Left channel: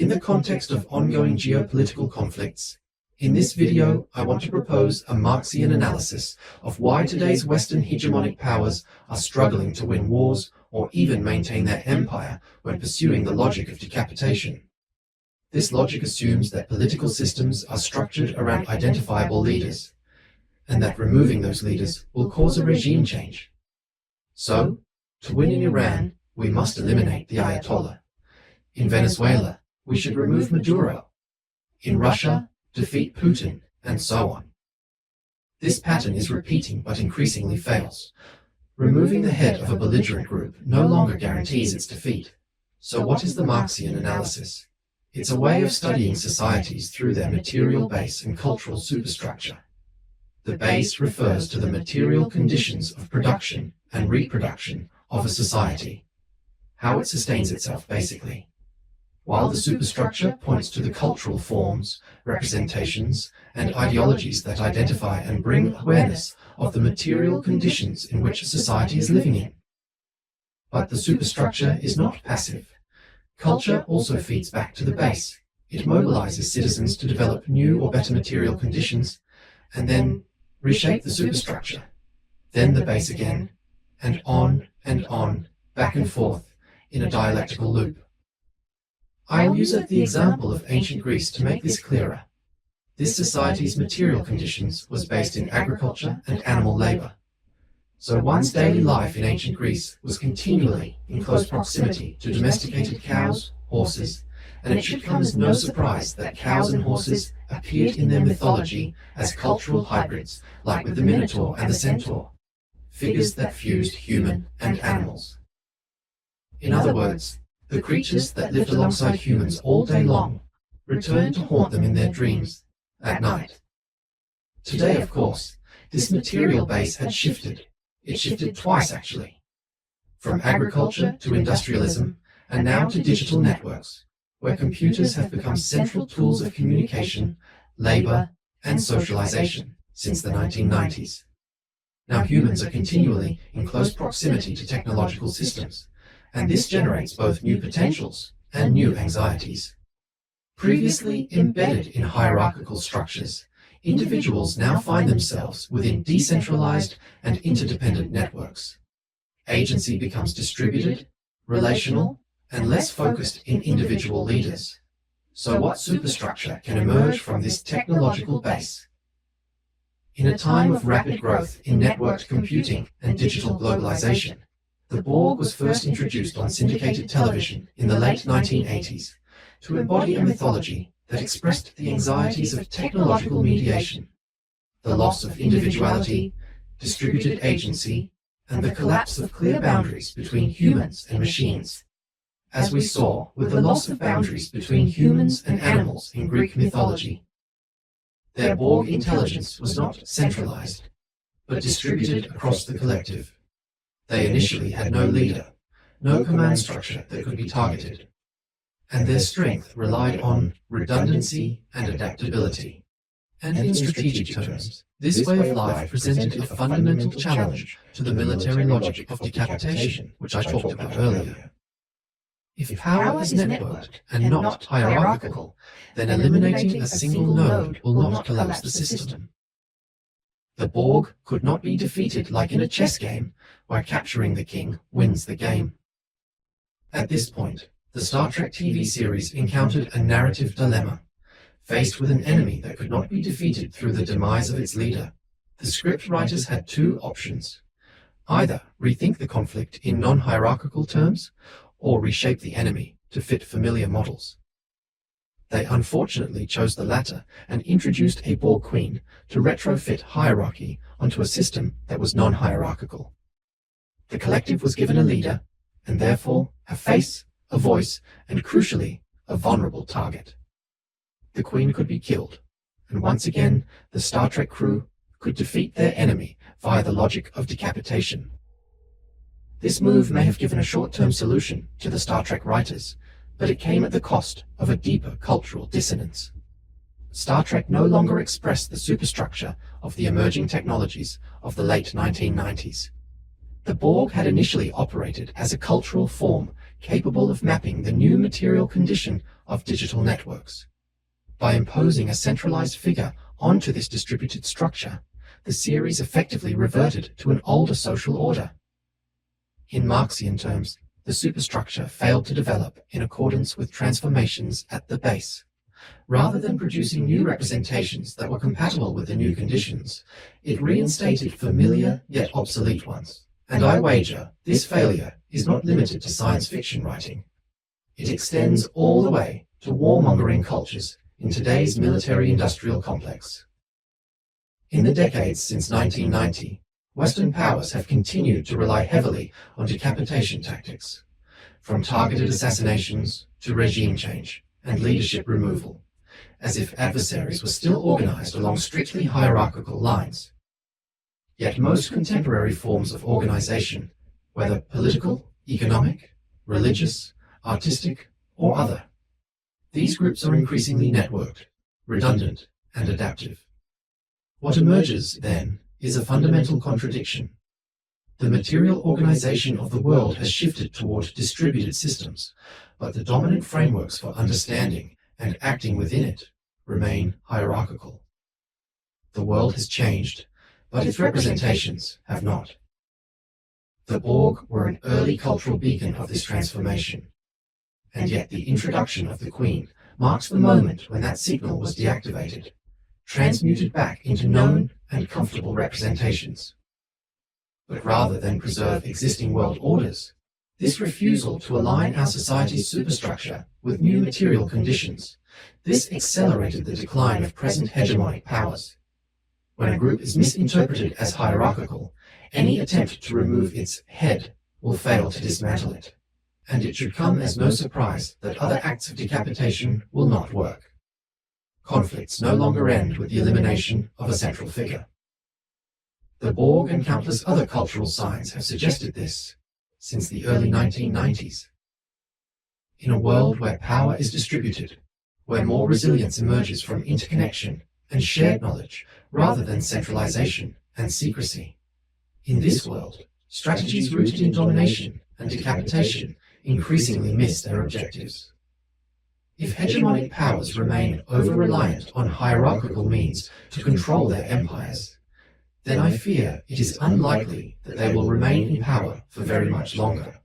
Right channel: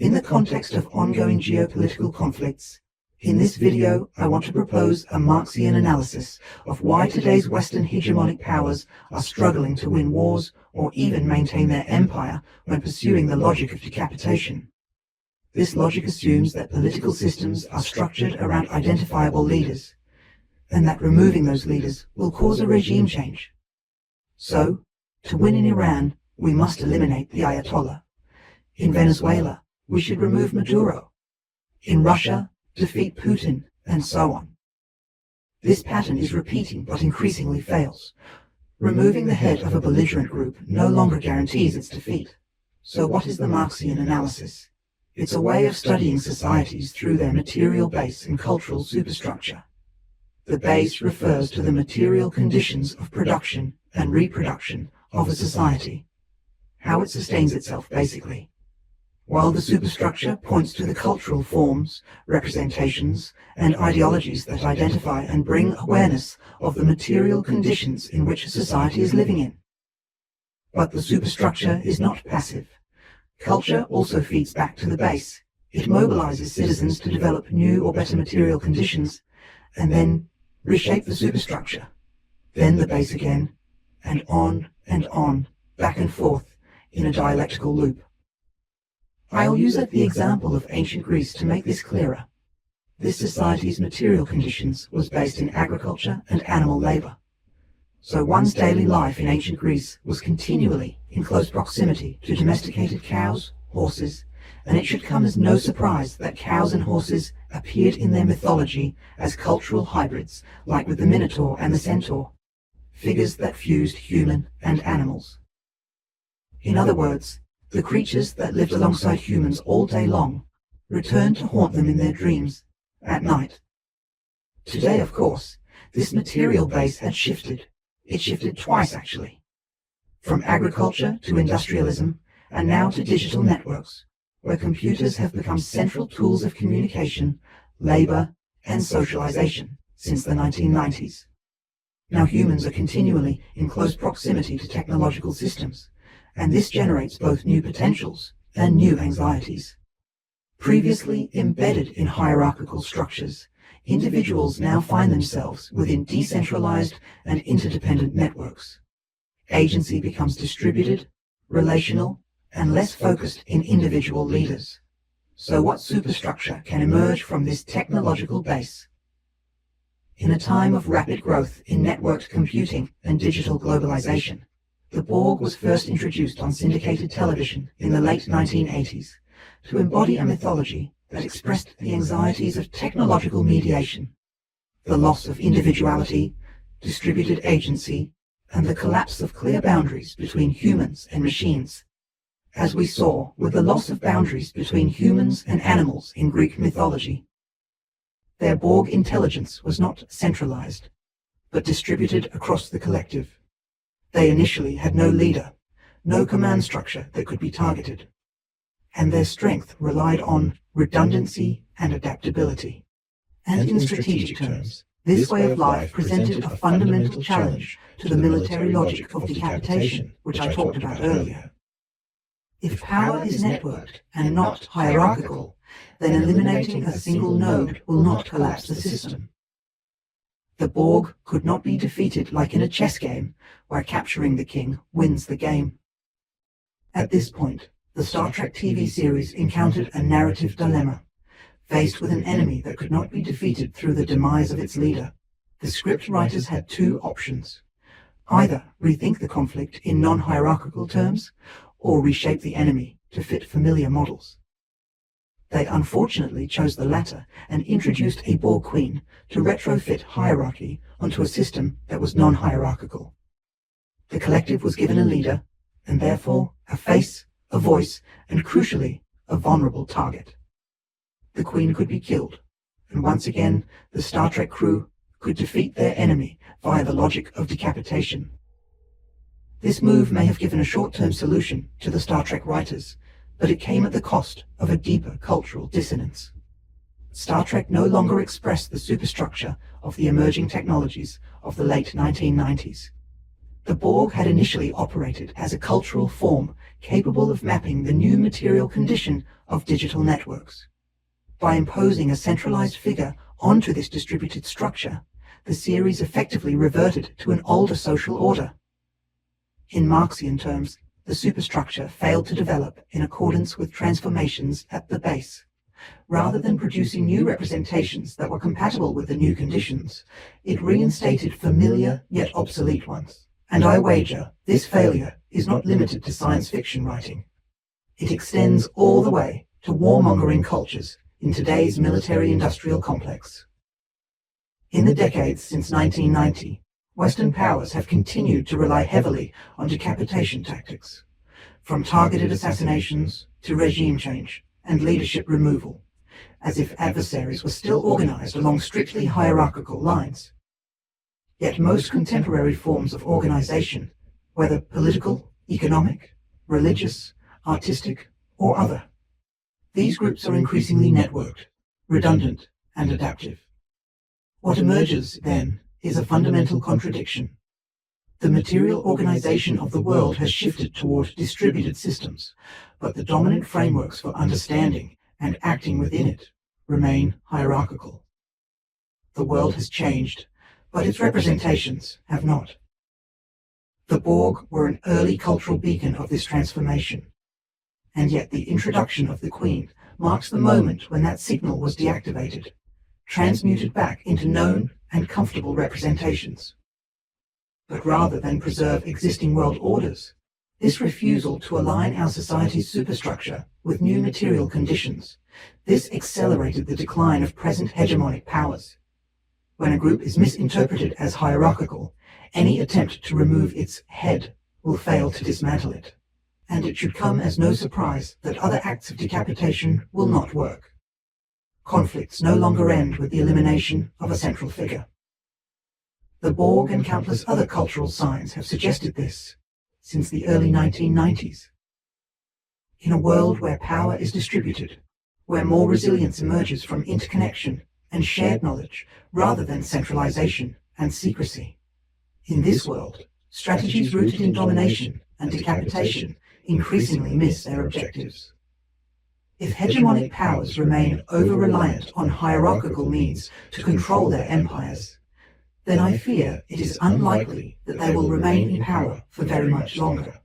In the context of ongoing geopolitical conflicts, in this video I want to propose a Marxian analysis of why today's Western hegemonic powers are struggling to win wars or even maintain their empire when pursuing the logic of decapitation. This logic assumes that political systems are structured around identifiable leaders, and that removing those leaders will cause a regime change. So, to win in Iran, we must eliminate the Ayatollah. In Venezuela, we should remove Maduro. In Russia, defeat Putin, and so on. This pattern is repeating but increasingly fails. Removing the head of a belligerent group no longer guarantees its defeat. So what is the Marxian analysis? It's a way of studying societies through their material base and cultural superstructure. The base refers to the material conditions of production and reproduction of a society, how it sustains itself basically, while the superstructure points to the cultural forms, representations, and ideologies that identify and bring awareness of the material conditions in which a society is living in. But the superstructure is not passive. Culture also feeds back to the base. It mobilizes citizens to develop new or better material conditions, and then reshape the superstructure, then the base again, and on, back and forth, in a dialectical loop. I'll use the example of ancient Greece to make this clearer. This society's material conditions was based in agriculture and animal labor. So one's daily life in ancient Greece was continually in close proximity to domesticated cows, horses, and it should come as no surprise that cows and horses appeared in their mythology as cultural hybrids, like with the Minotaur and the Centaur, figures that fused human and animals. In other words, the creatures that lived alongside humans all day long returned to haunt them in their dreams at night. Today, of course, this material base had shifted. It shifted twice, actually, from agriculture to industrialism, and now to digital networks, where computers have become central tools of communication, labor, and socialization since the 1990s. Now humans are continually in close proximity to technological systems, and this generates both new potentials and new anxieties. Previously embedded in hierarchical structures, individuals now find themselves within decentralized and interdependent networks. Agency becomes distributed, relational, and less focused in individual leaders. So what superstructure can emerge from this technological base? In a time of rapid growth in networked computing and digital globalization, the Borg was first introduced on syndicated television in the late 1980s to embody a mythology that expressed the anxieties of technological mediation, the loss of individuality, distributed agency, and the collapse of clear boundaries between humans and machines, as we saw with the loss of boundaries between humans and animals in Greek mythology. Their Borg intelligence was not centralized, but distributed across the collective. They initially had no leader, no command structure that could be targeted, and their strength relied on redundancy and adaptability. And in strategic terms, this way of life presented a fundamental challenge to the military logic of decapitation, which I talked about earlier. If power is networked and not hierarchical, then eliminating a single node will not collapse the system. The Borg could not be defeated like in a chess game, where capturing the king wins the game. At this point, the Star Trek TV series encountered a narrative dilemma. Faced with an enemy that could not be defeated through the demise of its leader, the script writers had two options. Either rethink the conflict in non-hierarchical terms, or reshape the enemy to fit familiar models. They unfortunately chose the latter and introduced a Borg Queen to retrofit hierarchy onto a system that was non-hierarchical. The collective was given a leader, and therefore a face, a voice, and crucially, a vulnerable target. The Queen could be killed, and once again, the Star Trek crew could defeat their enemy via the logic of decapitation. This move may have given a short-term solution to the Star Trek writers, but it came at the cost of a deeper cultural dissonance. Star Trek no longer expressed the superstructure of the emerging technologies of the late 1990s. The Borg had initially operated as a cultural form capable of mapping the new material condition of digital networks. By imposing a centralized figure onto this distributed structure, the series effectively reverted to an older social order. In Marxian terms, the superstructure failed to develop in accordance with transformations at the base. Rather than producing new representations that were compatible with the new conditions, it reinstated familiar yet obsolete ones. And I wager this failure is not limited to science fiction writing. It extends all the way to warmongering cultures in today's military-industrial complex. In the decades since 1990, Western powers have continued to rely heavily on decapitation tactics, from targeted assassinations to regime change and leadership removal, as if adversaries were still organized along strictly hierarchical lines. Yet most contemporary forms of organization, whether political, economic, religious, artistic, or other, these groups are increasingly networked, redundant, and adaptive. What emerges, then, is a fundamental contradiction. The material organization of the world has shifted toward distributed systems, but the dominant frameworks for understanding and acting within it remain hierarchical. The world has changed, but its representations have not. The Borg were an early cultural beacon of this transformation, and yet the introduction of the Queen marks the moment when that signal was deactivated, transmuted back into known and comfortable representations. But rather than preserve existing world orders, this refusal to align our society's superstructure with new material conditions, this accelerated the decline of present hegemonic powers. When a group is misinterpreted as hierarchical, any attempt to remove its head will fail to dismantle it. And it should come as no surprise that other acts of decapitation will not work. Conflicts no longer end with the elimination of a central figure. The Borg and countless other cultural signs have suggested this since the early 1990s. In a world where power is distributed, where more resilience emerges from interconnection and shared knowledge rather than centralization and secrecy, in this world, strategies rooted in domination and decapitation increasingly miss their objectives. If hegemonic powers remain over-reliant on hierarchical means to control their empires, then I fear it is unlikely that they will remain in power for very much longer.